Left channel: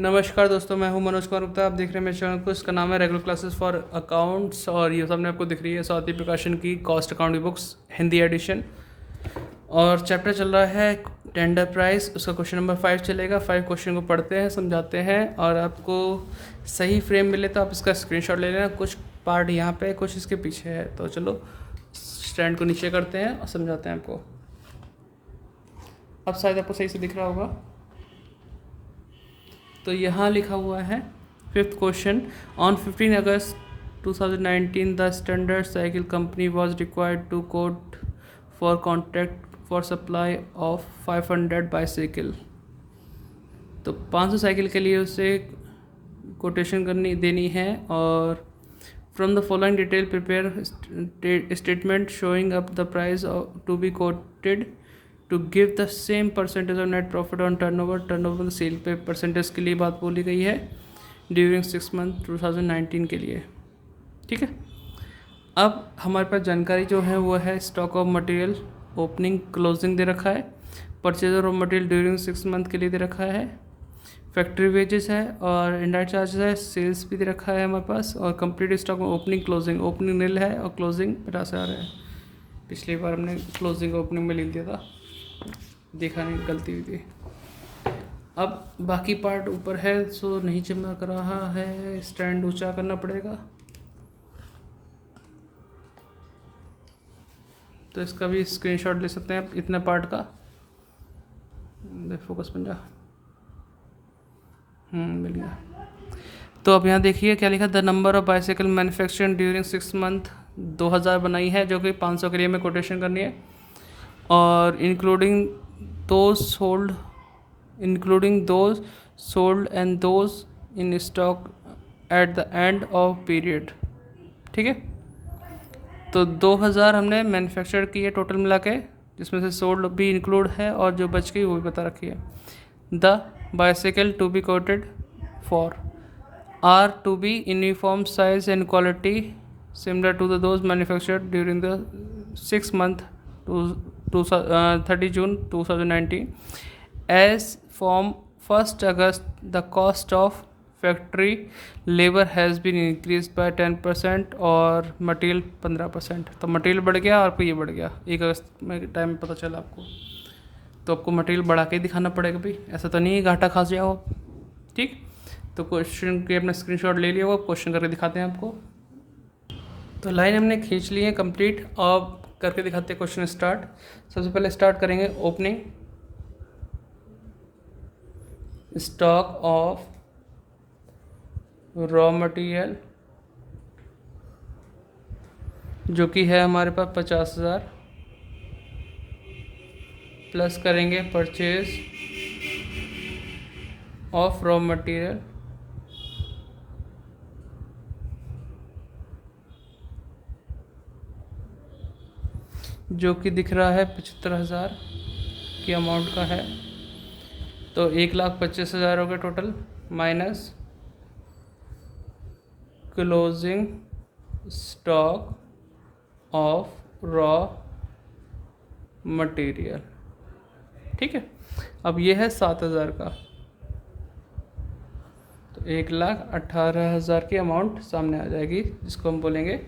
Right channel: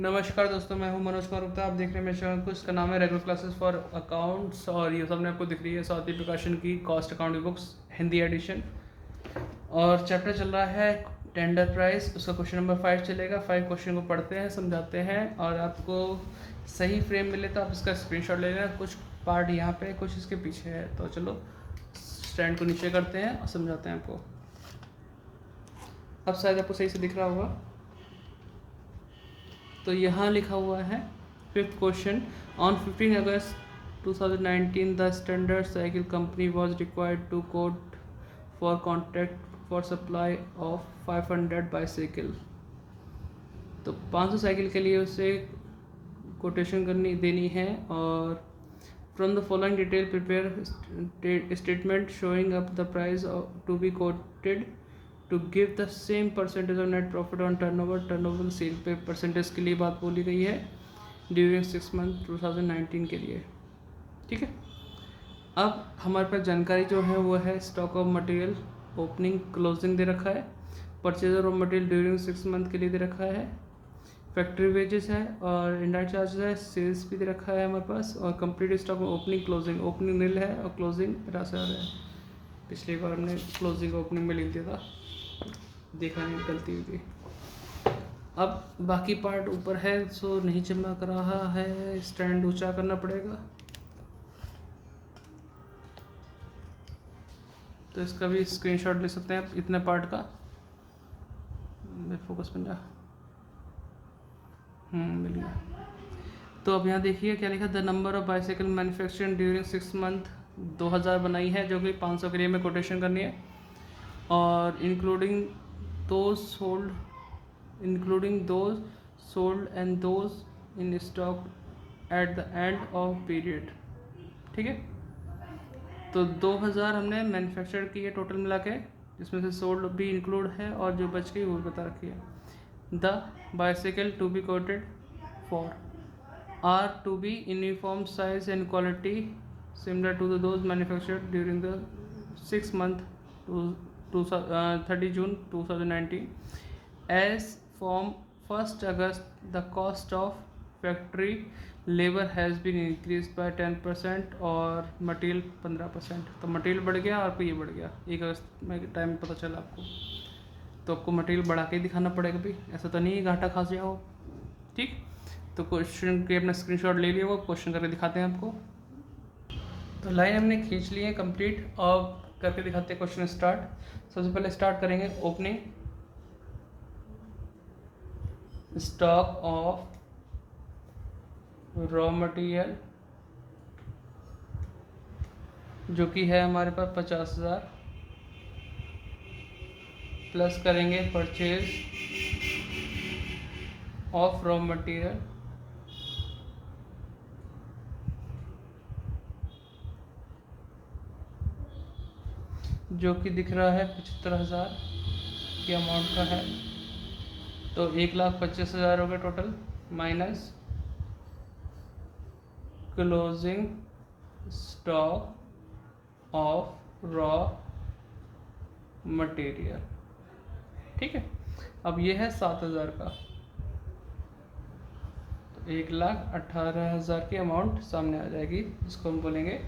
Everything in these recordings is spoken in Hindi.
नमस्कार दोस्तों, मैं हूं मनोज कुमार गुप्ता। आप देख रहे हैं मेरे चैनल को। इसका नाम है रेगुलर क्लासेस फॉर अकाउंट्स और ये सामने आपको दिख रही है स्वाति प्रकाशन की cost account books Hindi edition. और चैप्टर चल रहा है टेंडर प्राइस। उसका क्वेश्चन नंबर 5 चलेगा। 5 क्वेश्चन को पढ़ते हैं, समझाते हैं और आपको सही फ्रेम मिले तो आप इसका स्क्रीनशॉट ले लेना। कुछ पार्ट यहाँ पे, कुछ इसके पीछे है। तो चलो स्टैंड को नीचे करते हैं और समझाते हैं आपको। अब शायद आपको सही से दिख रहा होगा। तो यहाँ लिखा हुआ है 5th question, on 15 August 2019 the standard cycle company was required to quote for contract for supply of 500 bicycle. तो 500 साइकिल के लिए उसे कोटेशन देनी है। और from the following detail prepare statement showing up the price to be quoted to give the same percentage of net profit on turnover sale पे परसेंटेज के लिए बात बोली गई है ड्यूरिंग 6 मंथ 2019 के लिए। ठीक है। अब हमारे पास जानकारी जो है वो है stock of material opening closing दे रखा है, purchase of material during 6 month के लिए दे रखा है, फैक्ट्री वेजेस है और इंडायरेक्ट चार्जेस है, सेल्स भी दे रखा है हमारे पास, और कंप्लीट स्टॉक में ओपनिंग नील है और क्लोजिंग 50,000 है। पिछली बार हमने क्लोजिंग ओपनिंग में लिख दिया था, देखा नहीं, गलती हुई थी। अब बाकी पार्ट ऊपर है सो नहीं चमक रहा है, स्टैंड ऊंचा करना पड़ेगा। तो इसका भी स्क्रीनशॉट ले सकते हैं इतने पार्ट का। फोकस बन जा, मिल गया। तो अब यहाँ देखिए क्या लिखा, the number of bicycle manufacturing during 6 month 2000 बनाई है, जो कि 500 के लिए हमें कोटेशन करनी है। और including those sold and those in stock at the end of period. ठीक है। तो 2000 हमने मैन्युफैक्चर की है टोटल मिला के, जिसमें से सोल्ड भी इंक्लूड है और जो बच गई वो भी बता रखी है। The bicycle to be quoted for are to be uniform size and quality similar to the those manufactured during the 6 month 30 June 2019 as from 1st August the cost of factory labor has been increased by 10% और मटेरियल 15%। तो मटेरियल बढ़ गया और ये बढ़ गया 1 अगस्त में टाइम में पता चला आपको। तो आपको मटेरियल बढ़ा के दिखाना पड़ेगा भाई, ऐसा तो नहीं है घाटा खा जाओ। ठीक। तो क्वेश्चन के अपना स्क्रीनशॉट ले लिया, वो क्वेश्चन करके दिखाते हैं आपको। तो लाइन हमने खींच ली है कंप्लीट, और करके दिखाते हैं क्वेश्चन स्टार्ट। सबसे पहले स्टार्ट करेंगे opening stock of raw material, जो कि है हमारे पास 50,000, प्लस करेंगे परचेज ऑफ रॉ मटेरियल जो कि दिख रहा है 75,000 की अमाउंट का है। तो 1,25,000 हो गए total, minus closing stock of raw material. ठीक है। अब ये है 7,000 का, तो 1,18,000 की अमाउंट सामने आ जाएगी, जिसको हम बोलेंगे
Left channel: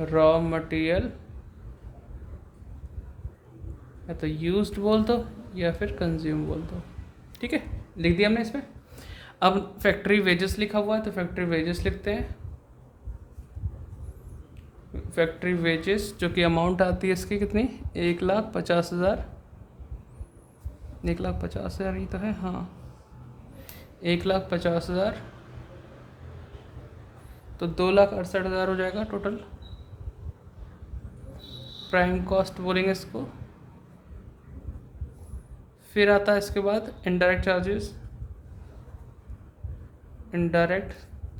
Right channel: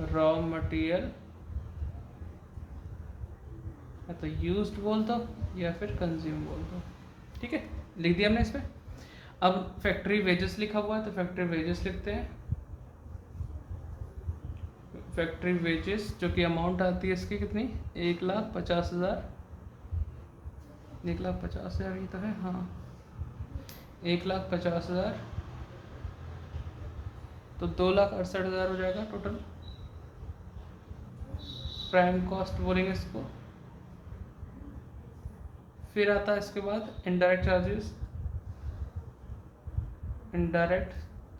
रॉ मटेरियल, या तो यूज्ड बोल दो या फिर कंज्यूम बोल दो। ठीक है, लिख दिया हमने इसमें। अब फैक्ट्री वेजेस लिखा हुआ है, तो फैक्ट्री वेजेस लिखते हैं। फैक्ट्री वेजेस जो कि अमाउंट आती है इसकी कितनी, 1,50,000, 1,50,000 ही तो है, हाँ 1,50,000, तो 2,68,000 हो जाएगा टोटल। प्राइम कॉस्ट बोलेंगे इसको। फिर आता है इसके बाद इनडायरेक्ट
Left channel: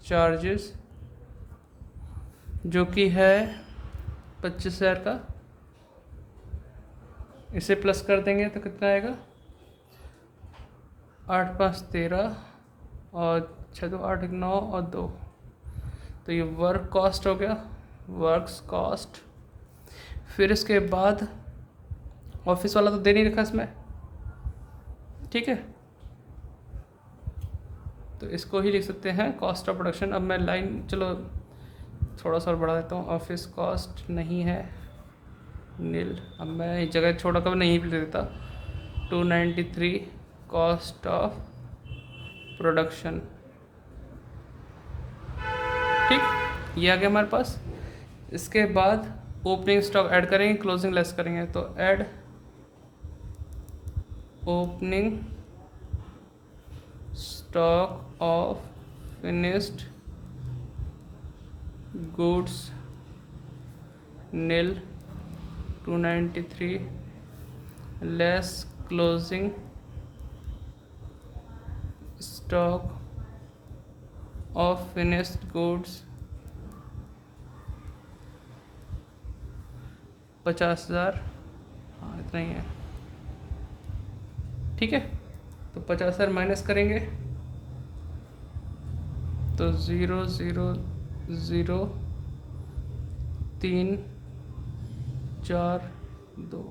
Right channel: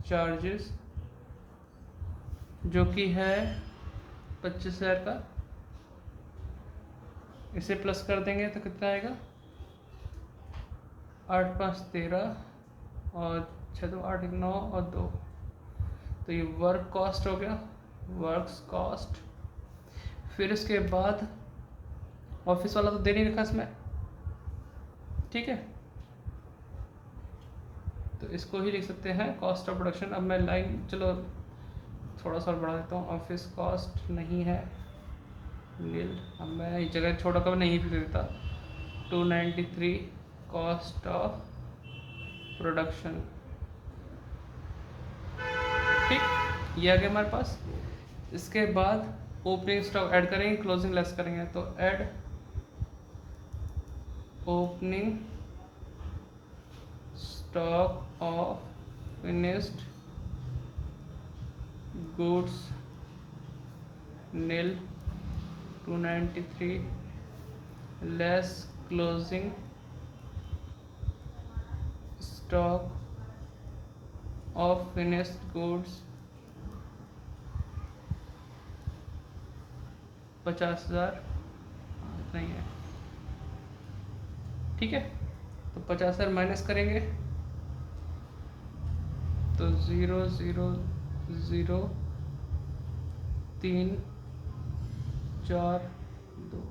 चार्जेस जो कि है 25,000 का। इसे प्लस कर देंगे तो कितना आएगा, 8 5 13 और 6 2 8 1 9 और 2। तो ये वर्क कॉस्ट हो गया, वर्क्स कॉस्ट। फिर इसके बाद ऑफिस वाला तो दे नहीं रखा इसमें। ठीक है। तो इसको ही लिख सकते हैं कॉस्ट ऑफ प्रोडक्शन। अब मैं लाइन चलो थोड़ा सा और बढ़ा देता हूँ, ऑफिस कॉस्ट नहीं है नील, अब मैं एक जगह छोटा कर नहीं भी देता 293 कॉस्ट ऑफ प्रोडक्शन। ठीक, ये आ गया हमारे पास। इसके बाद ओपनिंग स्टॉक ऐड करेंगे, क्लोजिंग लेस करेंगे, तो add opening stock of finished goods nil 293 less closing stock of finished goods 50,000, इतना ही है। ठीक है, तो 50,000 माइनस करेंगे तो 0,0,0, 3, 4, 2।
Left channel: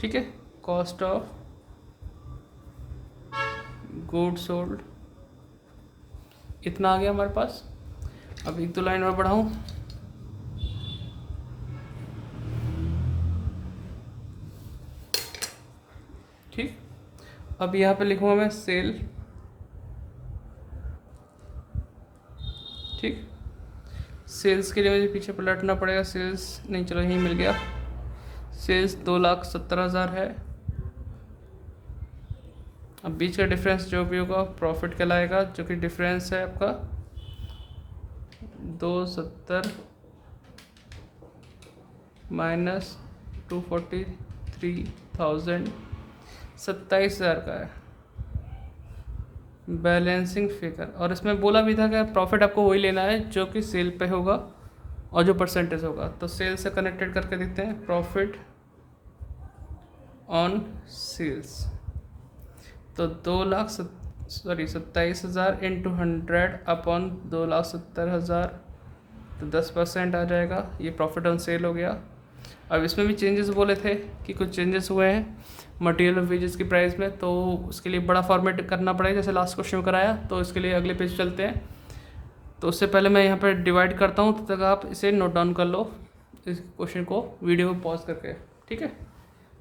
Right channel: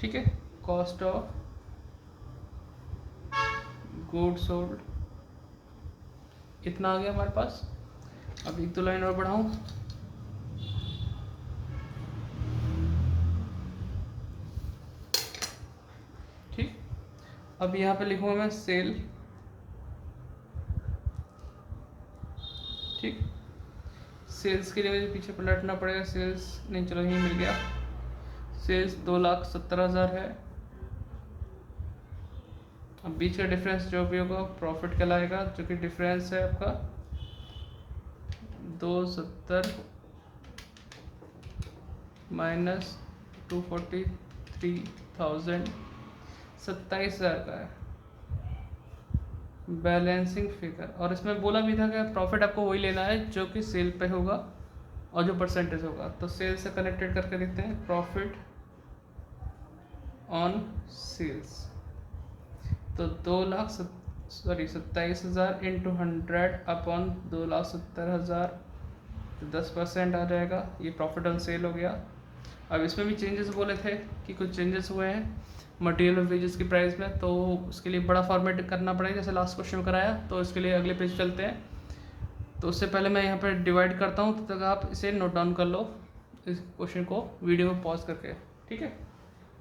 ठीक है, कॉस्ट ऑफ गुड सोल्ड इतना आ गया हमारे पास। अब एक दो लाइन और बढ़ाऊँ, ठीक। अब यहाँ पे लिखूँगा मैं सेल, ठीक। सेल्स के लिए मुझे पीछे पलटना पड़ेगा, सेल्स नहीं, चलो यहीं मिल गया। सेल्स 2,70,000 है। अब बीच का डिफरेंस जो भी होगा प्रॉफिट कहलाएगा, जो कि डिफरेंस है आपका 270 माइनस 243,000, 27,000 का है बैलेंसिंग फिगर। और इसमें बोला भी था कि प्रॉफिट आपको वही लेना है जो कि सेल पे होगा और जो परसेंटेज होगा। तो सेल से कनेक्टेड करके देखते हैं, प्रॉफिट ऑन सेल्स, तो 27,000 इंटू 100 अपॉन 2,70,000, तो 10% आ जाएगा। ये प्रॉफिट ऑन सेल हो गया। अब इसमें भी चेंजेस बोले थे कि कुछ चेंजेस हुए हैं मटेरियल और वेजेस की प्राइस में, तो उसके लिए बड़ा फॉर्मेट करना पड़ेगा, जैसे लास्ट क्वेश्चन में कराया। तो इसके लिए अगले पेज चलते हैं। तो उससे पहले मैं यहाँ पर डिवाइड करता हूँ, तब तक आप इसे नोट डाउन कर लो, इस क्वेश्चन को वीडियो को पॉज करके। ठीक है,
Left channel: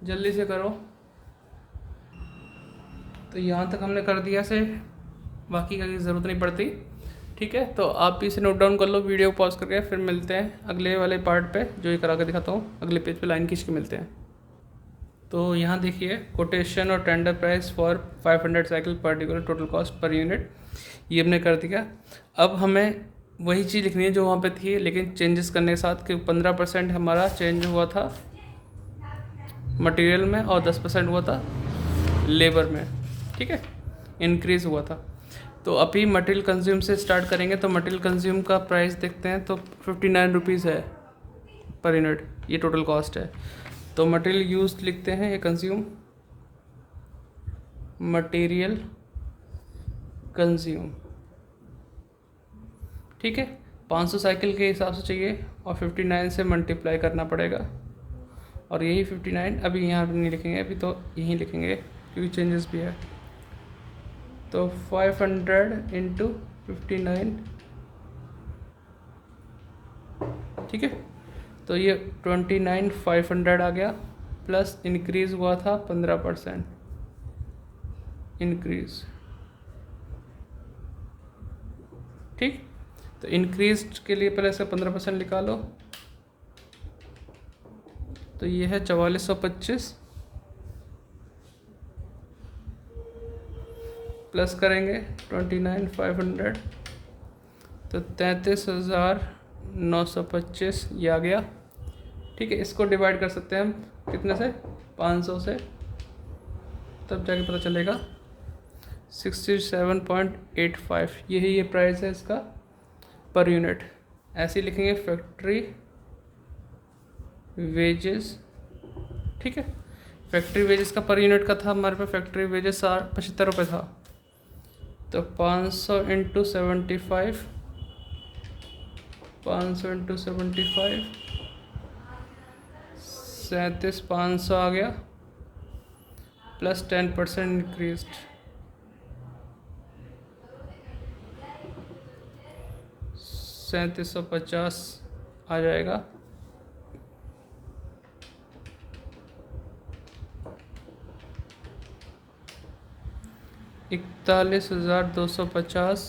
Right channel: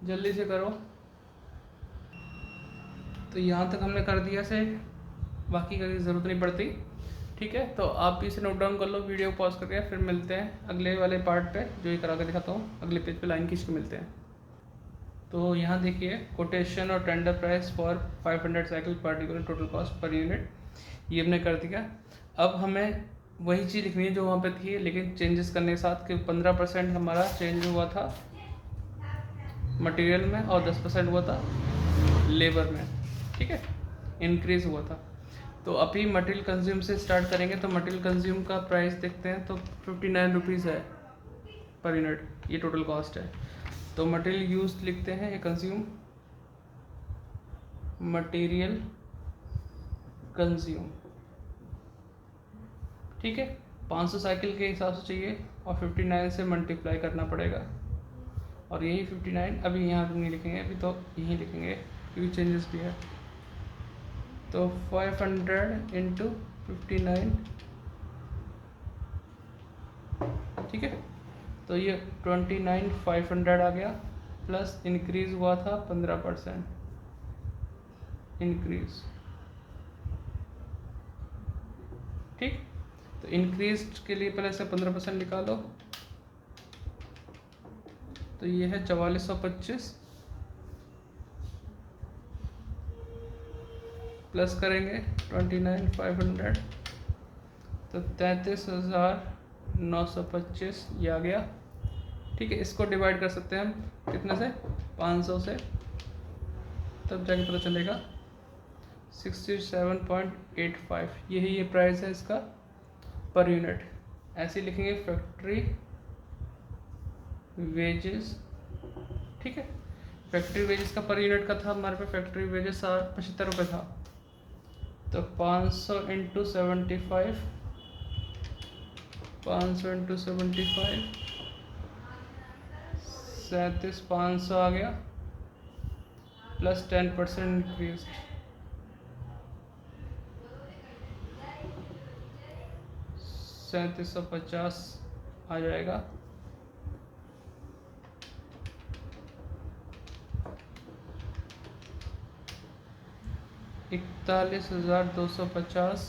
जल्दी से करो। तो यहाँ तक हमने कर दिया से, बाकी का ज़रूरत नहीं पड़ती। ठीक है, तो आप भी इसे नोट डाउन कर लो, वीडियो पॉज करके। फिर मिलते हैं अगले वाले पार्ट पे, जो ये करा के दिखाता हूँ। अगले पेज पे लाइन खींच के मिलते हैं। तो यहाँ देखिए, कोटेशन और tender price for 500 cycle particular total cost per unit, ये हमने कर दिया। अब हमें वही चीज़ लिखनी है जो वहाँ पे थी, लेकिन चेंजेस करने के साथ कि 15% हमारा चेंज हुआ था मटेरियल में और 10% हुआ था लेबर में। ठीक है, इंक्रीज़ हुआ था। तो अभी मटेरियल कंज्यूम से स्टार्ट करेंगे। तो मटेरियल कंज्यूम का प्राइस देखते हैं, तो 59 रुपीज़ है पर यूनिट, ये टोटल कॉस्ट है। तो मटेरियल यूज लिखते हैं, ये कंज्यूम, मटेरियल कंज्यूम। ठीक है, 500 साइकिल के हिसाब से चाहिए और 59 से मल्टीप्लाई करना पड़ेगा। और यही 59 अभी यहाँ नहीं लिखेंगे, अभी तो यहीं लिखेंगे क्योंकि चेंजेस भी है। तो 500 इंटू 59, ठीक है। तो ये 29,500 आ गया, प्लस इंक्रीज़ हुआ था 15% इंक्रीज़। ठीक, तो इंक्रीज के लिए पहले से 15% निकालो, तो ये है 4425, प्लस करेंगे 29,500, तो 33,925 ये आ गया। ठीक है, इसको डिवाइड कर सकते हैं हम कितने से, 500 से, तब जाके पता चलेगा 67.85, यही ये प्राइस है इसका पर यूनिट। ऐसे ही लिखेंगे फैक्ट्री वेजेस। ठीक है, फैक्ट्री वेजेस का पर यूनिट का था हमारे पे, फैक्ट्री वेजेस 75 रुपये था। तो 500 इंटू 75, 500 इंटू 75, 37,500 आ गया, प्लस 10% इंक्रीज। 3750 आ जाएगा। $41,250,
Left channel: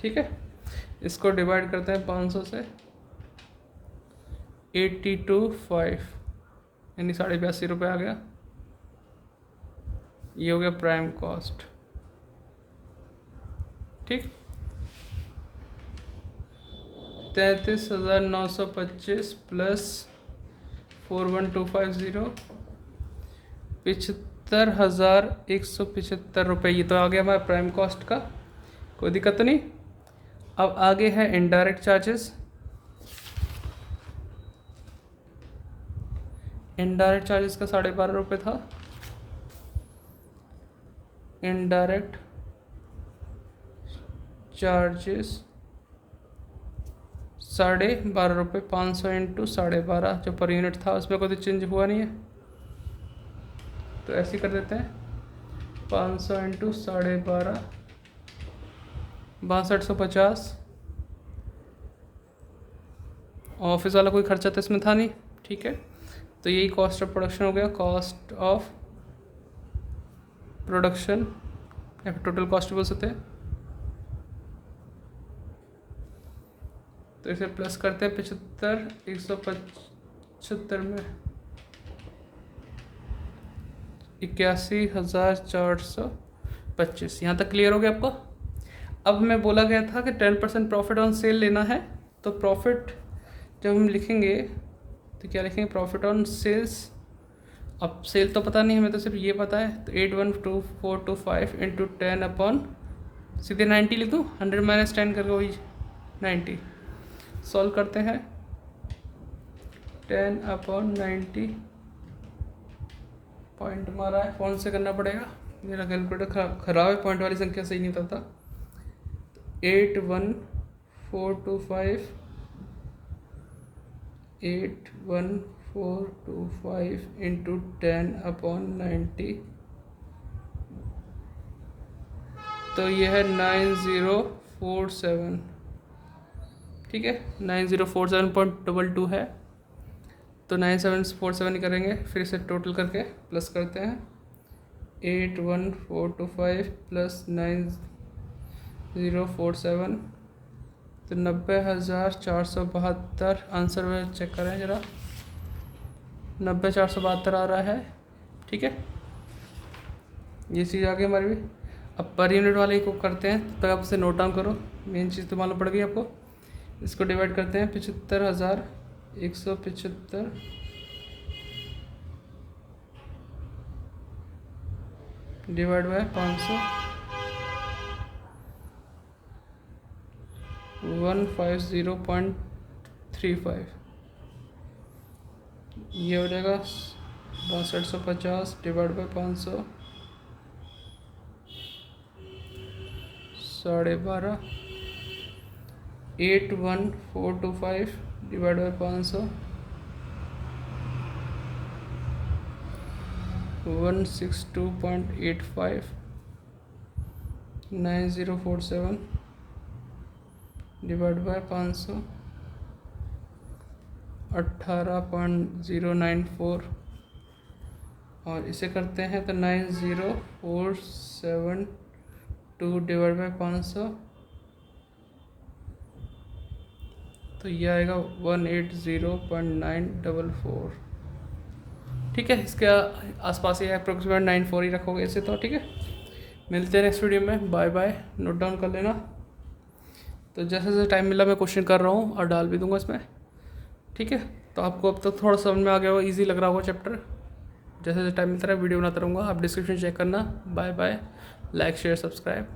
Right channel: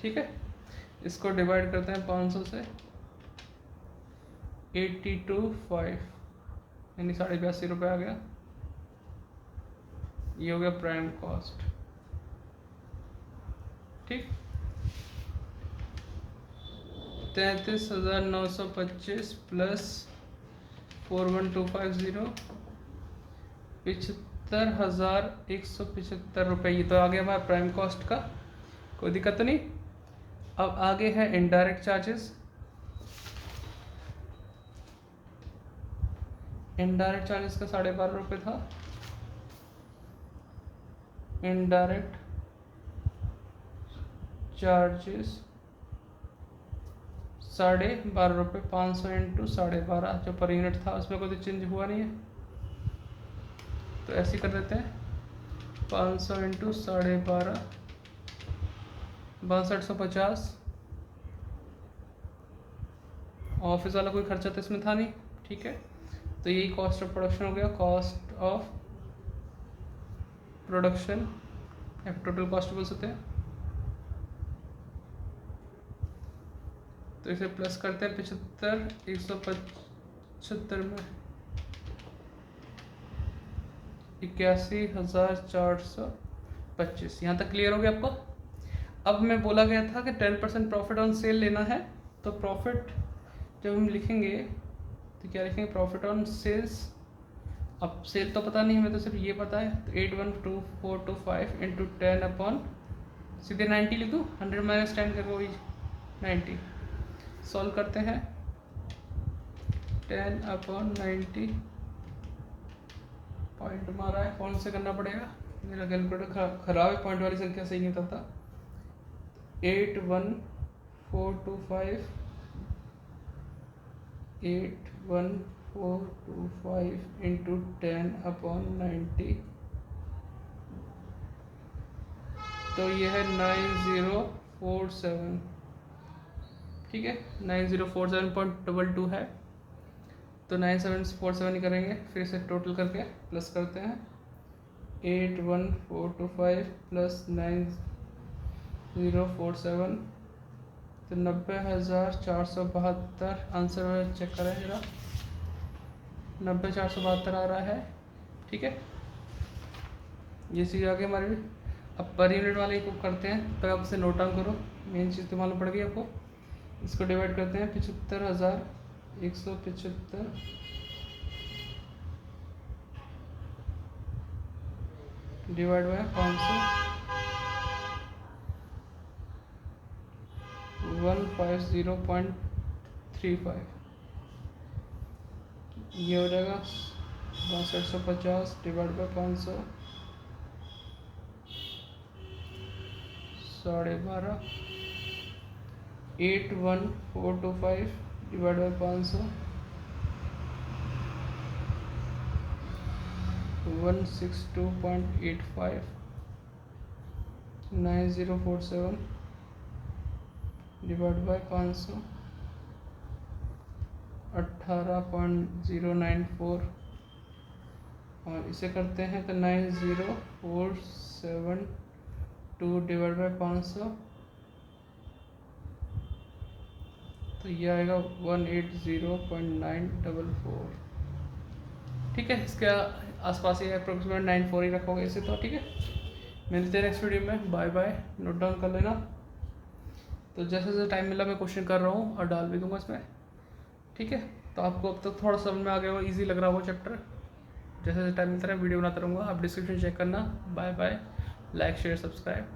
ठीक है। इसको डिवाइड करते हैं 500 से, 82.5 यानी 82.5 रुपये आ गया। ये हो गया प्राइम कॉस्ट, ठीक। 33,925 प्लस 41,250, 75,175 रुपये। ये तो आ गया हमारा प्राइम कॉस्ट का, कोई दिक्कत तो नहीं। अब आगे है इनडायरेक्ट चार्जेस। इनडायरेक्ट चार्जेस का 12.5 रुपये था। इनडायरेक्ट चार्जेस 12.5 रुपये, 500 इंटू 12.5 जो पर यूनिट था, उसमें कोई चेंज हुआ नहीं है, तो ऐसे कर देते हैं। 500 इंटू 12.5, 6250। ऑफिस वाला कोई खर्चा तो इसमें था नहीं, ठीक है। तो यही कॉस्ट ऑफ प्रोडक्शन हो गया, कॉस्ट ऑफ प्रोडक्शन या फिर टोटल कॉस्ट बोल सकते हैं। तो इसे प्लस करते हैं 75, 175 में 81,425। यहाँ तक क्लियर हो गया आपको। अब हमें बोला गया था कि 10% प्रॉफिट ऑन सेल लेना है, तो प्रॉफिट जब हम लिखेंगे तो क्या लिखेंगे, प्रॉफिट ऑन सेल्स। अब सेल तो पता नहीं, हमें तो सिर्फ ये पता है, तो 812425 इंटू 10 अपॉन सीधे 90 लिख दूँ, 100 माइनस 10 करके वही 90। सॉल्व करते हैं, 10 अपॉन 90 पॉइंट मारा है, फ़ोन से करना पड़ेगा, मेरा कैलकुलेटर खराब है, पॉइंट वाली संख्या सही नहीं होता। 81425 इंटू 10 अपॉन 90, तो ये है 9047, ठीक है। 9047.22 है, तो 9747 ही करेंगे। फिर इसे टोटल करके प्लस करते हैं, 81425 प्लस 9047, तो 90,472। आंसर में चेक करें ज़रा, 90,472 आ रहा है, ठीक है। ये चीज़ आ गई हमारी भी। अब पर यूनिट वाले को करते हैं, तो आप इसे नोट डाउन करो, मेन चीज़ तो मालूम पड़ गई आपको। इसको डिवाइड करते हैं, 75,175 डिवाइड बाय 500, 150.35, ये हो जाएगा 6250 divide by 500, 12.5। 81425 divide by 500, 162.85, 9047 divide by 500, 18.094, और इसे करते हैं तो 90,472 डिवाइड बाय 500, तो ये आएगा 180.944, ठीक है। इसके आसपास ये अप्रोक्सीमेट 94 ही रखोगे इसे, तो ठीक है। मिलते हैं नेक्स्ट वीडियो में, बाय बाय। नोट डाउन कर लेना। तो जैसे जैसे टाइम मिला मैं क्वेश्चन कर रहा हूँ और डाल भी दूंगा इसमें, ठीक है। तो आपको अब तक थोड़ा समझ में आ गया होगा, ईजी लग रहा होगा चैप्टर। जैसे जैसे टाइम मिलता है वीडियो बनाता रहूँगा, आप डिस्क्रिप्शन चेक करना। Bye bye, like share subscribe.